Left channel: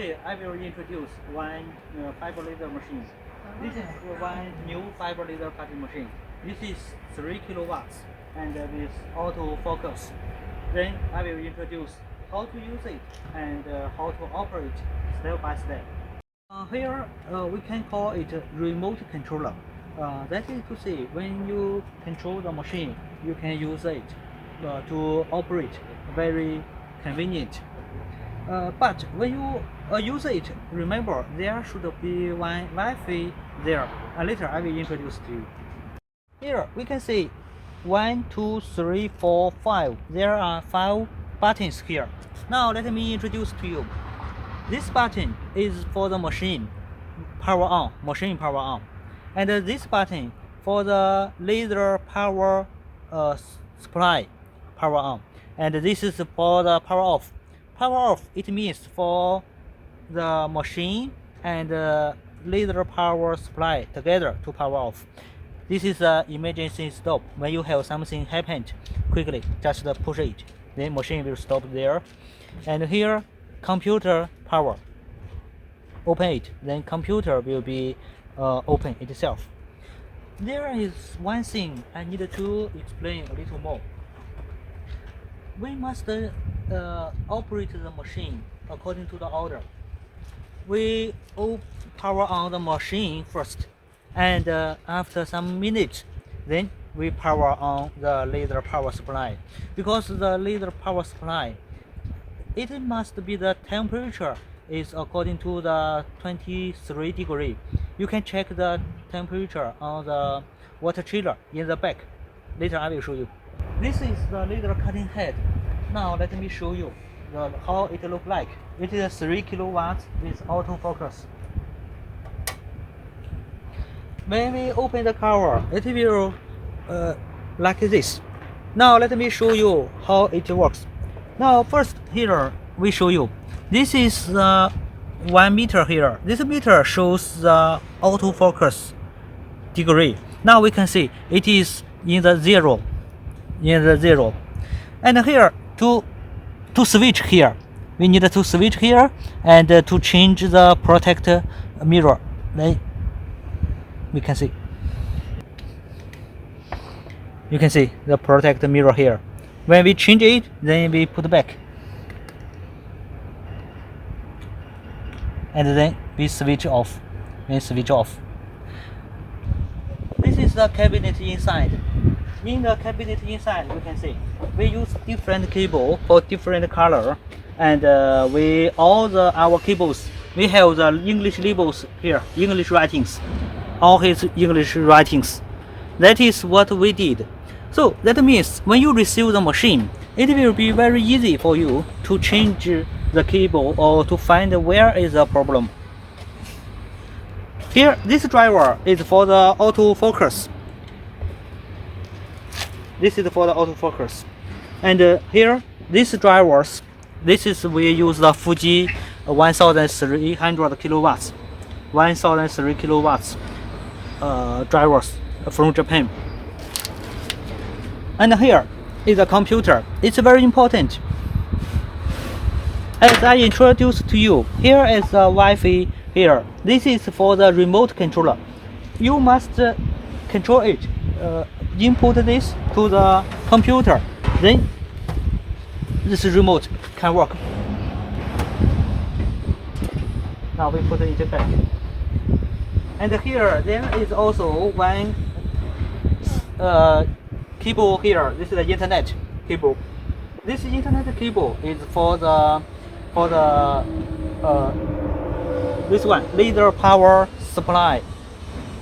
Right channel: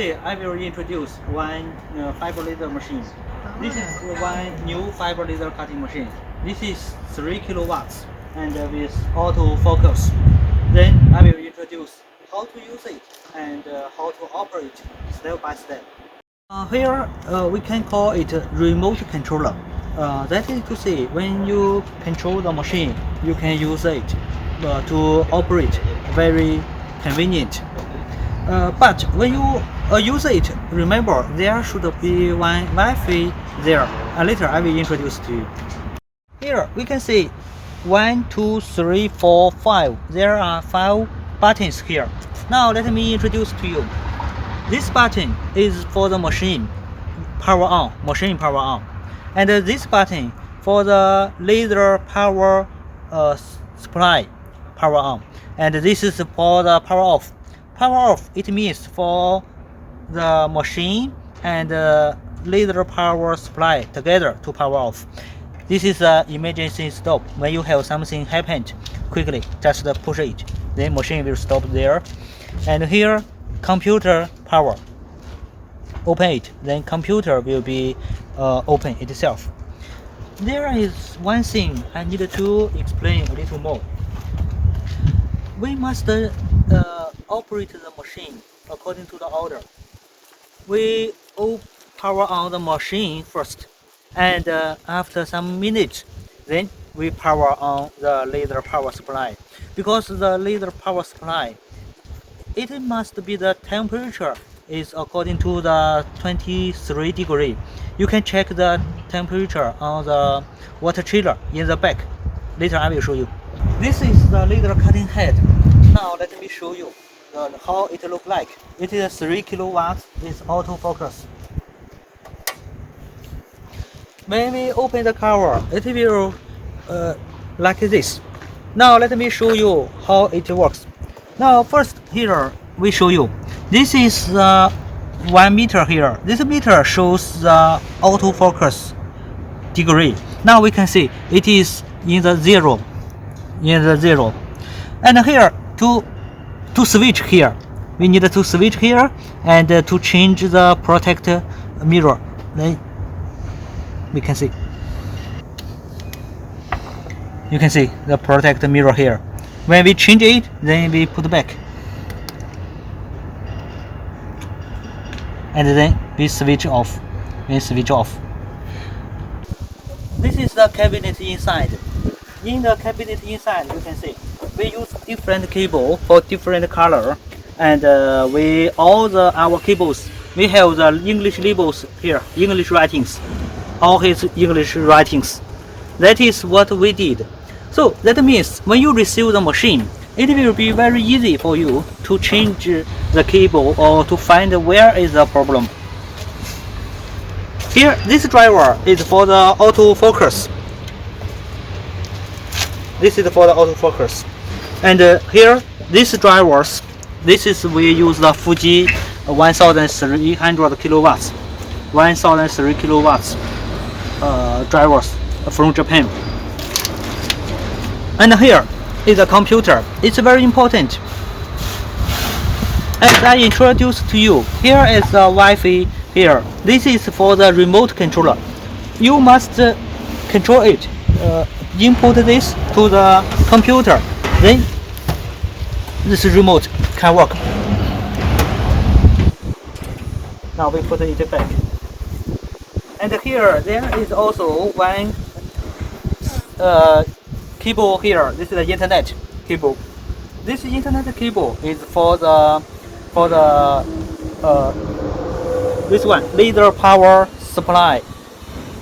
Today I will introduce one fiber laser machine. This is one new fiber laser cutting machine. This is 3 kilowatts and with auto focus. Then I will introduce how to use it and how to operate step by step. Here we can call it a remote controller. That is to say, when you control the machine, you can use it to operate very convenient. But when you use it, remember there should be one Wi-Fi there. Later I will introduce to you. Here we can see 1, 2, 3, 4, 5. There are 5 buttons here. Now let me introduce to you. This button is for the machine power on, and this button for the laser power supply, power on, and this is for the power off. Power off, it means for the machine and laser power supply together to power off. This is an emergency stop. When you have something happened, quickly just push it, then machine will stop there. And here, computer power. Open it, then computer will be open itself. There is one thing I need to explain a little more. We must operate the machine according to the order. We power on the machine first, and after some minutes, then we power on the laser power supply. Because the laser power supply, it must be the temperature is according to the 23 degree. You can check the temperature on the water chiller in the back. Later I will show you. This is the laser cutting head. Now let me show you how it look like. It is 3 kilowatts with autofocus. When we open the cover, it will like this. Now let me show you how it works. Now first here we show you. This is the 1 meter here. This meter shows the autofocus degree. Now we can see it is in the zero. And here to switch here, we need to switch here and to change the protect mirror. Then we can see. You can see the protect mirror here. When we change it, then we put back. And then we switch off. This is the cabinet inside. In the cabinet inside, we can see we use different cable for different color, and our cables, we have the English labels here, English writings, all his English writings. That is what we did. So that means when you receive the machine, it will be very easy for you to change the cable or to find where is the problem. Here, this driver is for the autofocus. This is for the autofocus. And here, these drivers, we use the Fuji 1300 kilowatts, 1003 kilowatts drivers from Japan. And here is a computer. It's very important. As I introduced to you, here is the Wi-Fi here. This is for the remote controller. You must control it. Input this to the computer. Then this remote can work. Now we put it back. And here there is also one cable here. This is the internet cable. This internet cable is for the this one, laser power supply.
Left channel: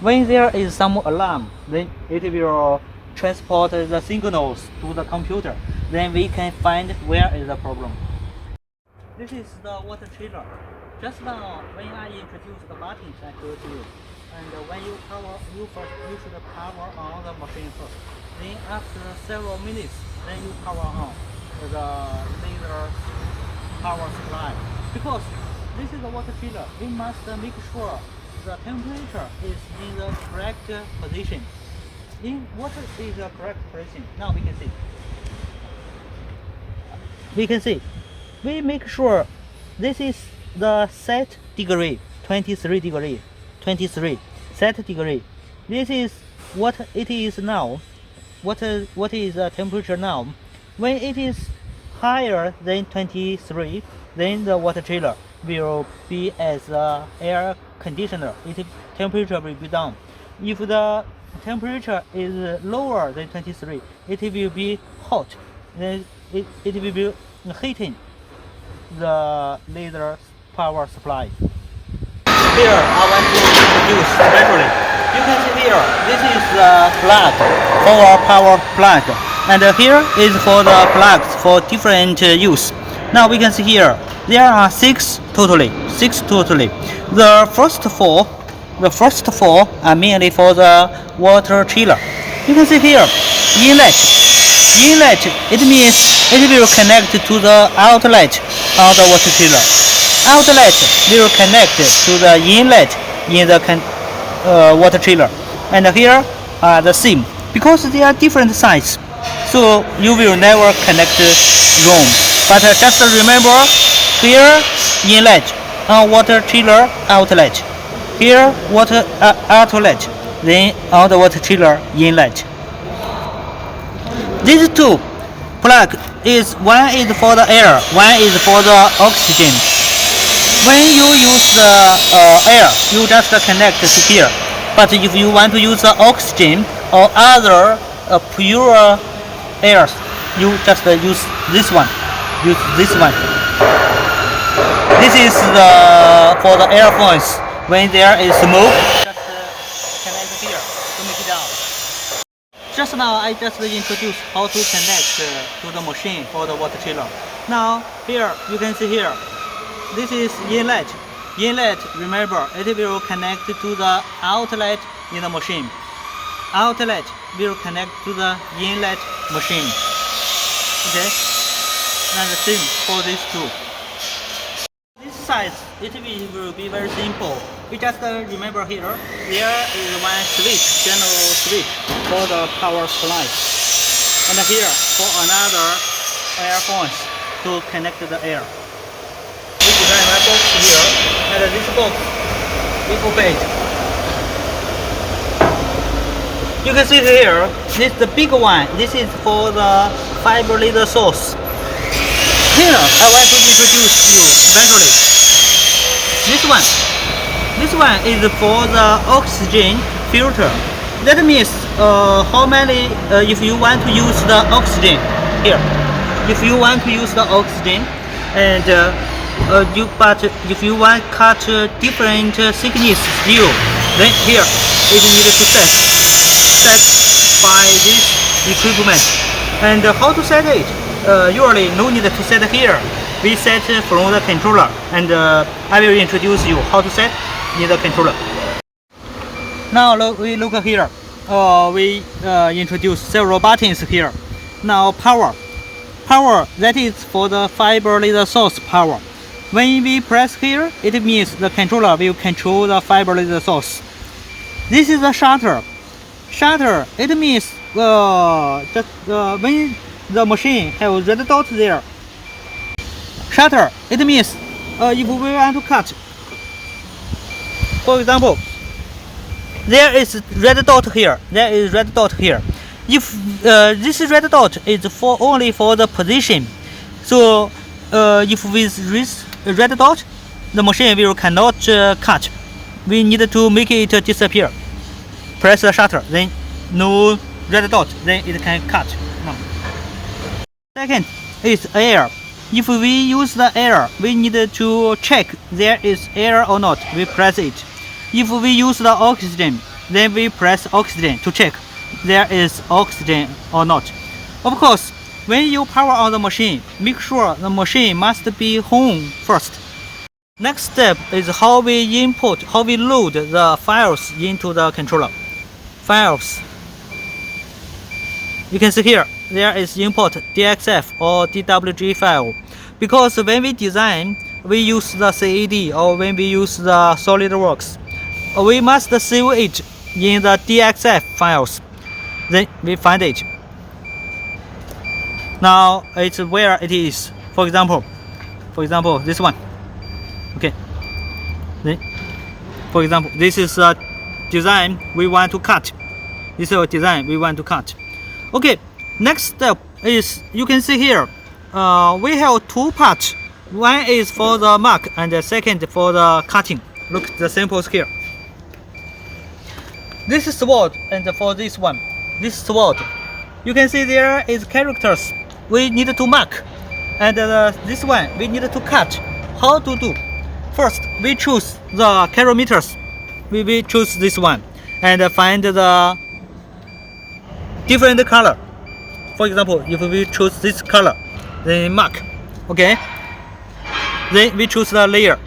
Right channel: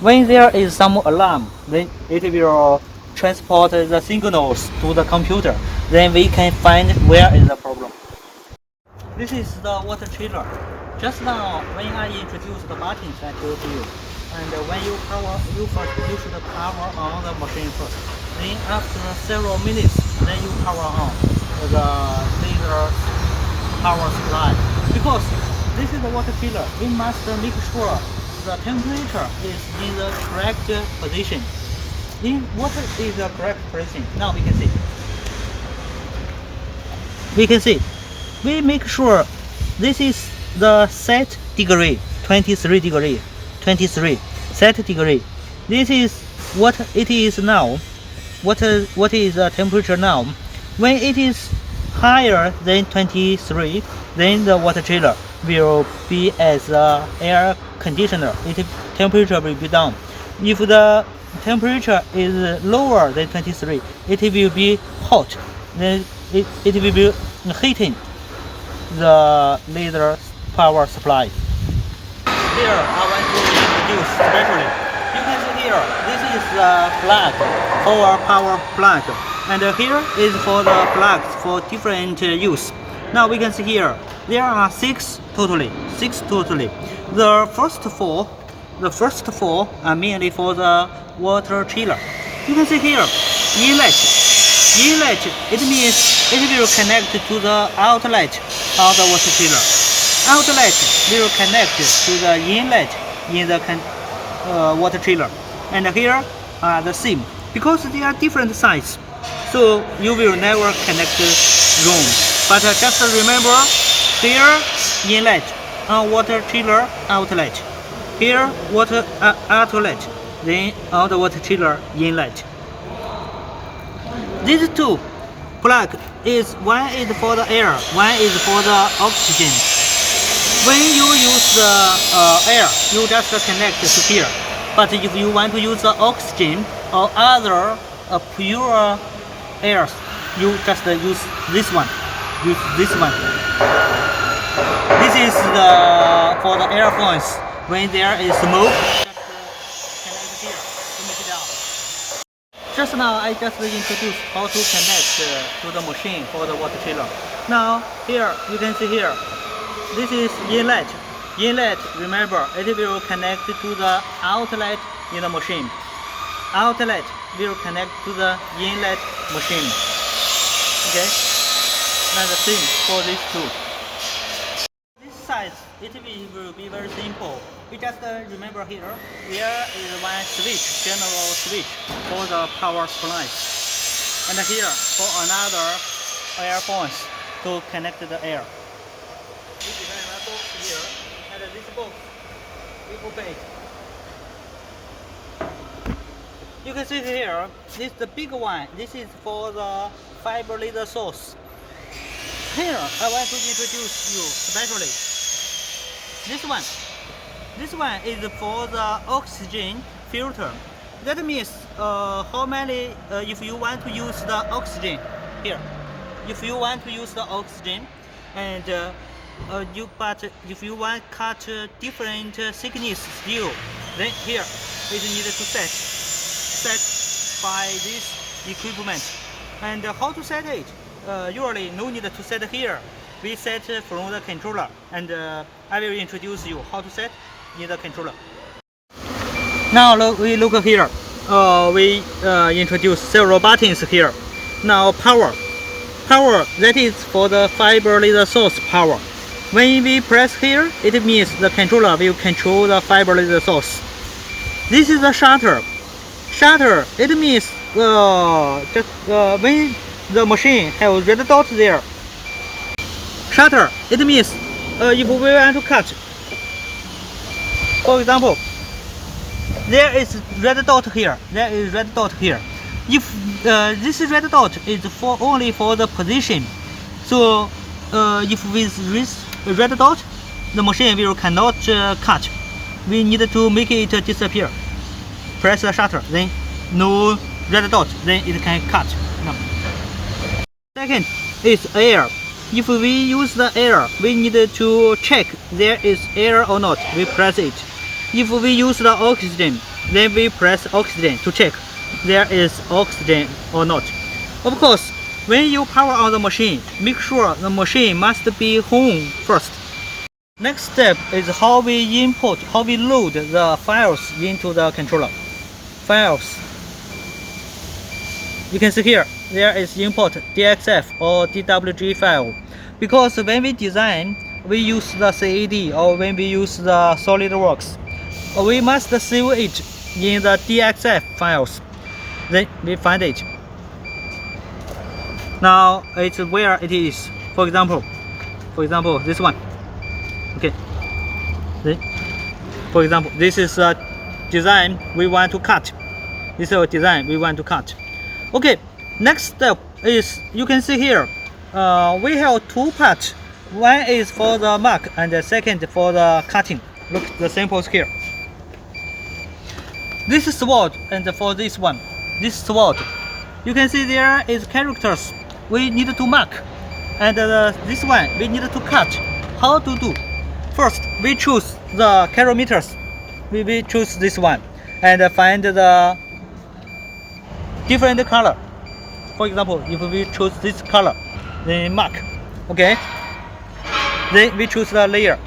When there is some alarm, then it will transport the signals to the computer. Then we can find where is the problem. This is the water chiller. Just now, when I introduced the buttons I told you, and when you should power on the machine first. Then after several minutes, then you power on the laser power supply. Because this is the water chiller, we must make sure the temperature is in the correct position. In water is the correct position. Now we can see. We make sure this is the set degree, 23 degree, 23 set degree. This is what it is now. What is the temperature now? When it is higher than 23, then the water chiller will be as the air conditioner. Its temperature will be down. If the temperature is lower than 23, it will be hot. Then it will be heating the laser power supply. Here I want to introduce especially. You can see here, this is the plug for a power plug, and here is for the plugs for different use. Now we can see here, there are six totally. The first four are mainly for the water chiller. You can see here, inlet, it means it will connect to the outlet on the water chiller. Outlet will connect to the inlet in the water chiller. And here are the seam. Because they are different size, so you will never connect wrong. But just remember, here inlet on water chiller outlet. Here water outlet, then on the water chiller inlet. These two plug is one is for the air, one is for the oxygen. When you use the air, you just connect to here. But if you want to use the oxygen or other pure air, you just use this one. This is for the air phones. When there is smoke, just connect here to make it out. Just now I just introduced how to connect to the machine for the water chiller. Now here you can see here, this is inlet. Inlet, remember, it will connect to the outlet in the machine. Outlet will connect to the inlet machine. Okay, and the same for these two. This size, it will be very simple. You just remember here, there is one switch, general switch for the power supply. And here for another air phones to connect the air. We design my box here, and this box we open it. You can see here, this is the big one. This is for the fiber laser source. Here I want to introduce you eventually. This one is for the oxygen filter. That means how many if you want to use the oxygen here. If you want to use the oxygen and but if you want cut different thickness steel, then here it needs to set by this equipment. And how to set it? Usually no need to set here. We set from the controller, and I will introduce you how to set in the controller. Now we look here. We introduce several buttons here. Now power, that is for the fiber laser source power. When we press here, it means the controller will control the fiber laser source. This is the shutter. It means when the machine has red dot there. Shutter, it means if we want to cut. For example, there is red dot here. If this red dot is only for the position, so if with this red dot, the machine will cannot cut. We need to make it disappear. Press the shutter, then no red dot, then it can cut. No. Second is air. If we use the air, we need to check there is air or not. We press it. If we use the oxygen, then we press oxygen to check there is oxygen or not. Of course, when you power on the machine, make sure the machine must be home first. Next step is how we load the files into the controller. Files. You can see here, there is import DXF or DWG file. Because when we design, we use the CAD or when we use the SolidWorks, we must save it in the DXF files. Then we find it. Now it's where it is. For example, this one. Okay. Then, for example, this is a design we want to cut. This is a design we want to cut. Okay, next step is, you can see here, we have two parts. One is for the mark and the second for the cutting. Look, the samples here. This is sword, and for this one, this sword, you can see there is characters we need to mark, and this one we need to cut. How to do? First, we choose the kilometers. We choose this one and find the different color. For example, if we choose this color, then mark. Okay. Then we choose the layer.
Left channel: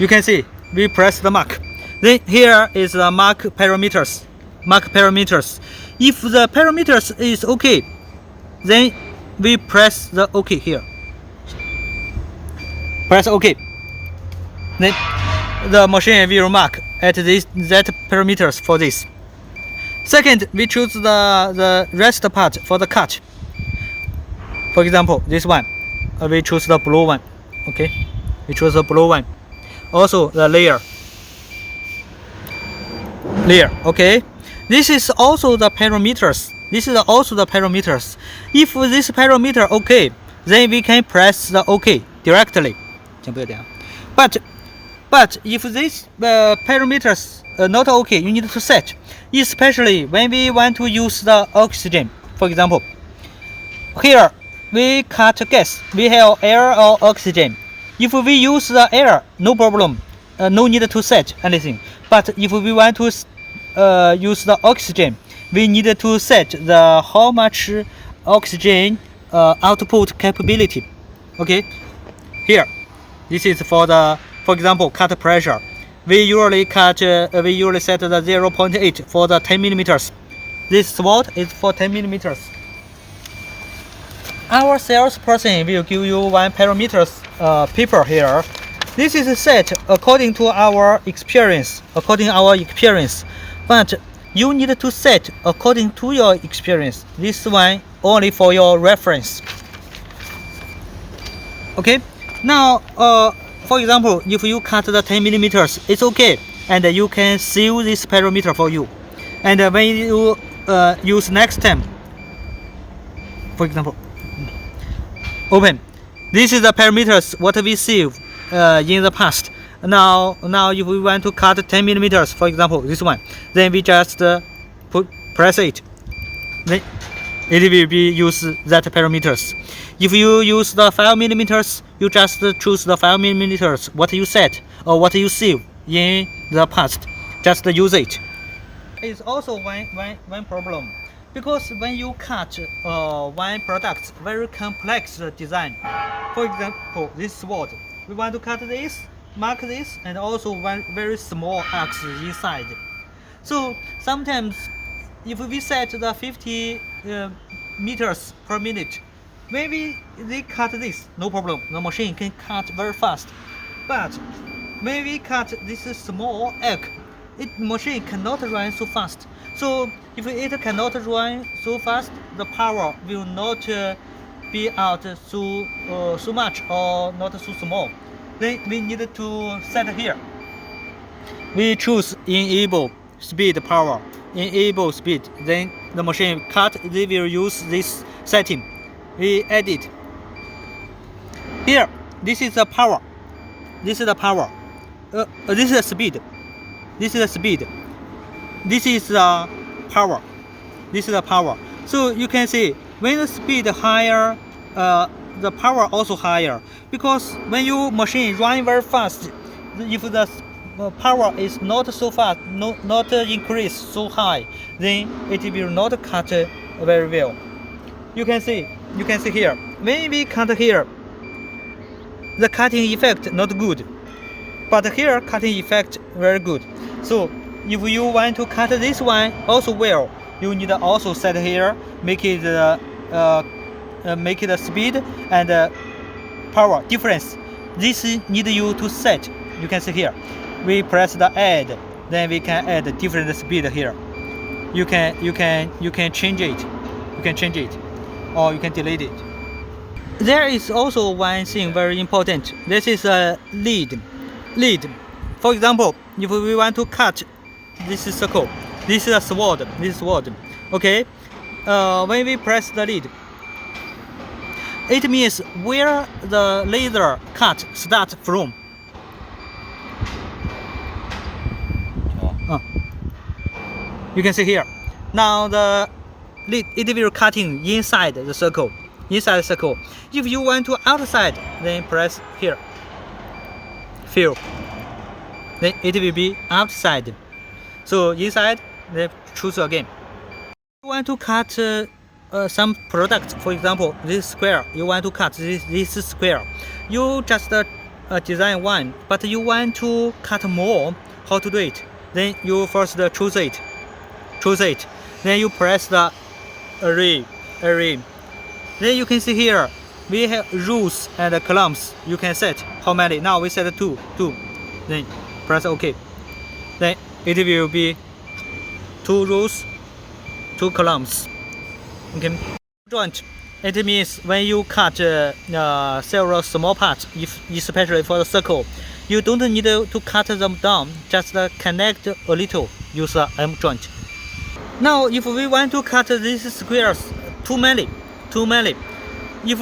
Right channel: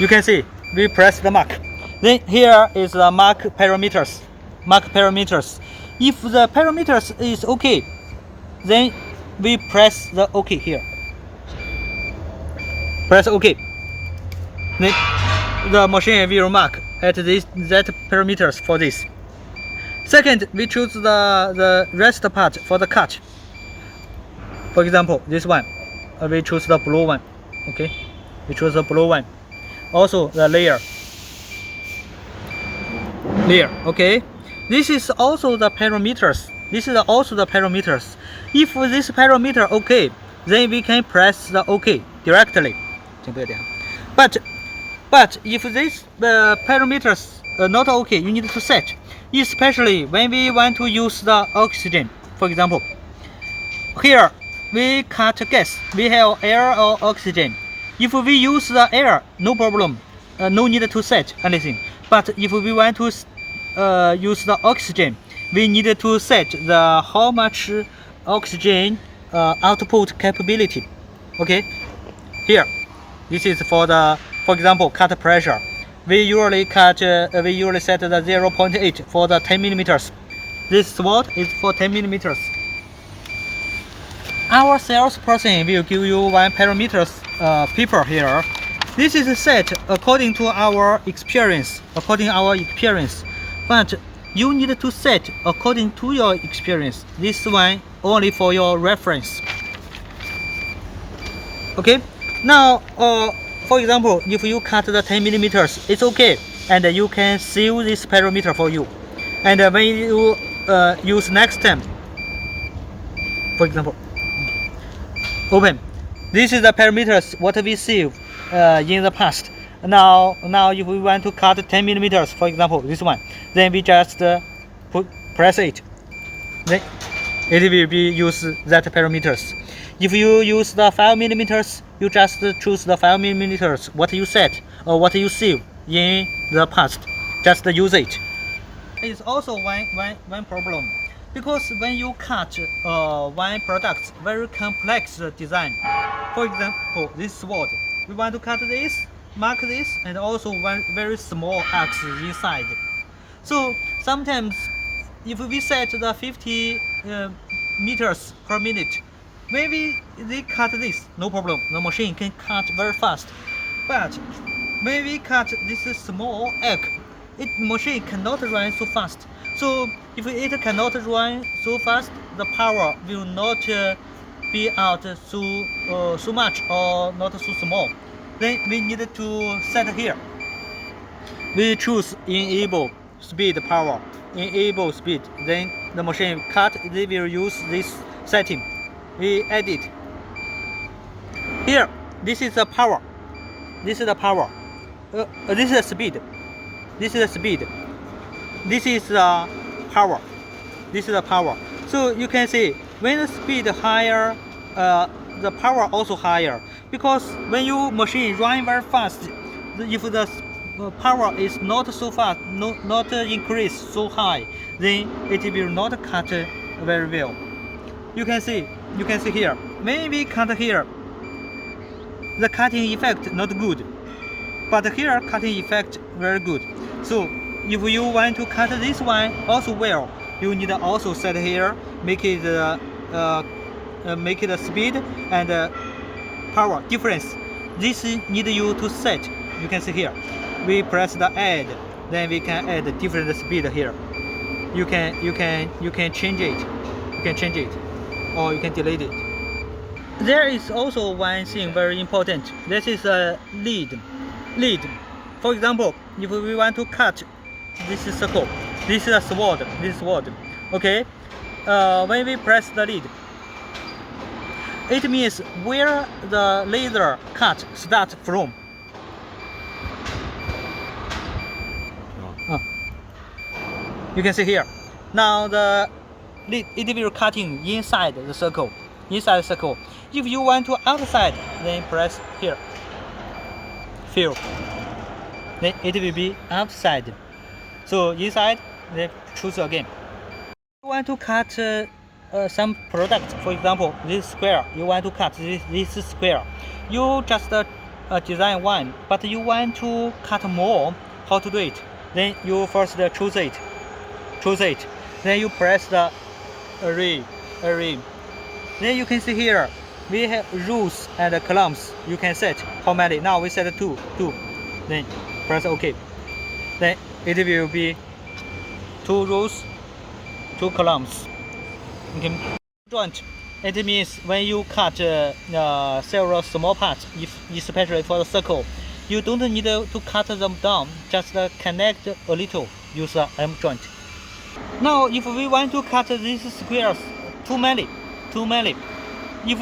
You can see we press the mark. Then here is the mark parameters. If the parameters is okay, then we press the OK here. Press OK. Then the machine will mark at that parameters for this. Second, we choose the rest part for the cut. For example, this one, we choose the blue one. Okay, we choose the blue one. Also the layer. Okay, this is also the parameters. If this parameter okay, then we can press the OK directly. But if this parameters not okay, you need to set. Especially when we want to use the oxygen. For example, here we cut gas. We have air or oxygen. If we use the air, no problem. No need to set anything. But if we want to use the oxygen, we need to set the how much oxygen output capability. Okay, here, this is for the, for example, cut pressure. We usually set the 0.8 for the 10 millimeters. This sword is for 10 millimeters. Our salesperson will give you one parameters paper here. This is set according to our experience. But you need to set according to your experience. This one only for your reference. Okay. Now, for example, if you cut the 10 millimeters, it's okay, and you can save this parameter for you. And when you use next time, for example, open. This is the parameters what we save in the past. Now if we want to cut 10 millimeters, for example, this one, then we just press it. Then it will be use that parameters. If you use the 5 millimeters, you just choose the 5 millimeters what you set or what you save in the past. Just use it. It's also one problem, because when you cut one product, very complex design. For example, this sword, we want to cut this, mark this, and also one very small axe inside. So sometimes, if we set the 50 meters per minute, maybe they cut this, no problem. The machine can cut very fast. But when we cut this small egg, machine cannot run so fast. So if it cannot run so fast, the power will not be out so much or not so small. Then we need to set here. We choose enable speed power. Enable speed. Then the machine cut. They will use this setting. We edit. Here, this is the power. This is the power. This is the speed. This is the speed. This is the power. This is the power. So you can see when the speed higher, the power also higher. Because when you machine run very fast, if the power is not so fast, not increase so high, then it will not cut very well. You can see here. When we cut here, the cutting effect not good, but here cutting effect very good. So if you want to cut this one also well, you need also set here, make it speed and power difference. This need you to set. You can see here. We press the add, then we can add different speed here. You can change it. You can change it, or you can delete it. There is also one thing very important. This is a lead. For example, if we want to cut this circle, this is a sword. Okay. When we press the lead, it means where the laser cut starts from. You can see here. Now the lead, it will cutting inside the circle. If you want to outside, then press here. Fill. Then it will be outside. So inside, then choose again. You want to cut some product. For example, this square. You want to cut this square. You just design one, but you want to cut more. How to do it? Then you first choose it. Then you press the array. Then you can see here we have rows and columns. You can set how many. Now we set two. Then press OK. Then it will be 2 rows, 2 columns. Okay. Joint. It means when you cut several small parts, especially for the circle, you don't need to cut them down. Just connect a little. Use a M joint. Now, if we want to cut these squares too many, if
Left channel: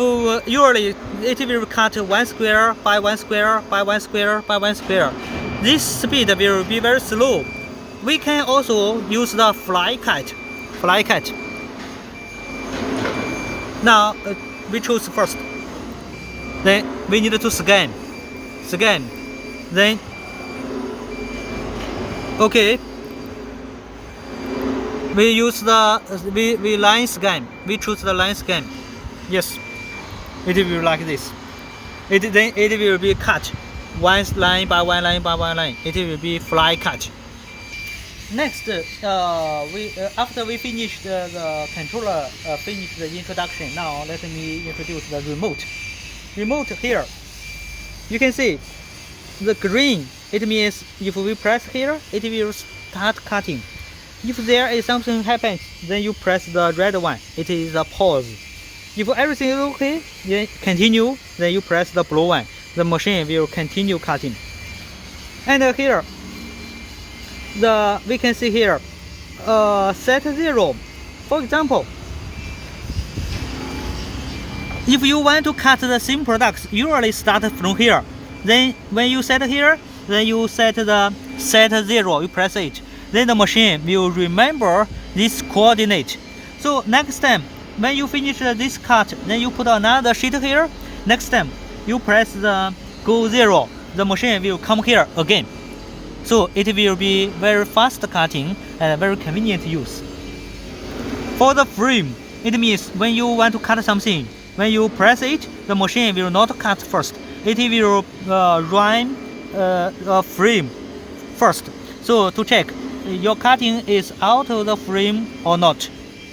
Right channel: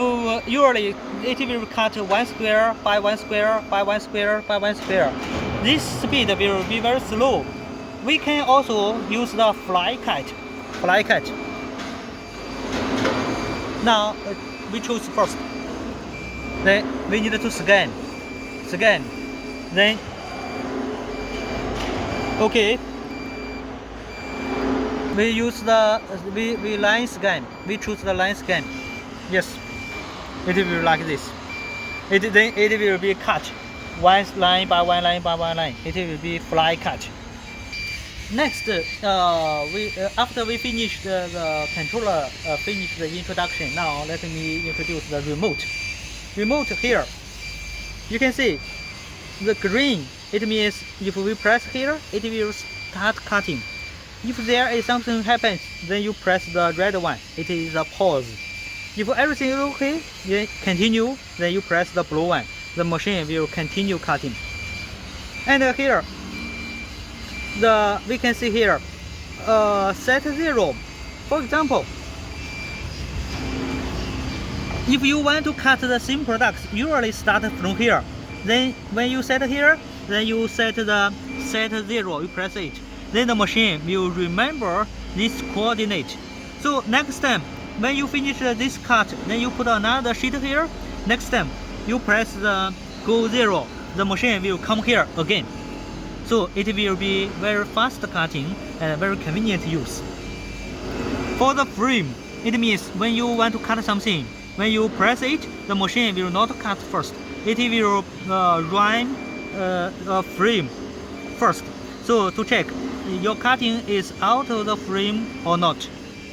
usually it will cut 1 square by 1 square by 1 square by 1 square. This speed will be very slow. We can also use the fly cut. Now we choose first. Then we need to scan. Then okay. We use the we line scan. We choose the line scan. Yes, it will be like this. Then it will be cut, one line by one line by one line. It will be fly cut. Next, after we finish the controller, finish the introduction. Now let me introduce the remote. Remote here. You can see the green. It means if we press here, it will start cutting. If there is something happens, then you press the red one. It is a pause. If everything is okay, then continue. Then you press the blue one. The machine will continue cutting. And here, we can see here, set 0. For example, if you want to cut the same products, you usually start from here. Then when you set here, then you set 0. You press it. Then the machine will remember this coordinate. So next time, when you finish this cut, then you put another sheet here. Next time, you press the go 0. The machine will come here again. So it will be very fast cutting and very convenient use. For the frame, it means when you want to cut something, when you press it, the machine will not cut first. It will run a frame first. So to check your cutting is out of the frame or not.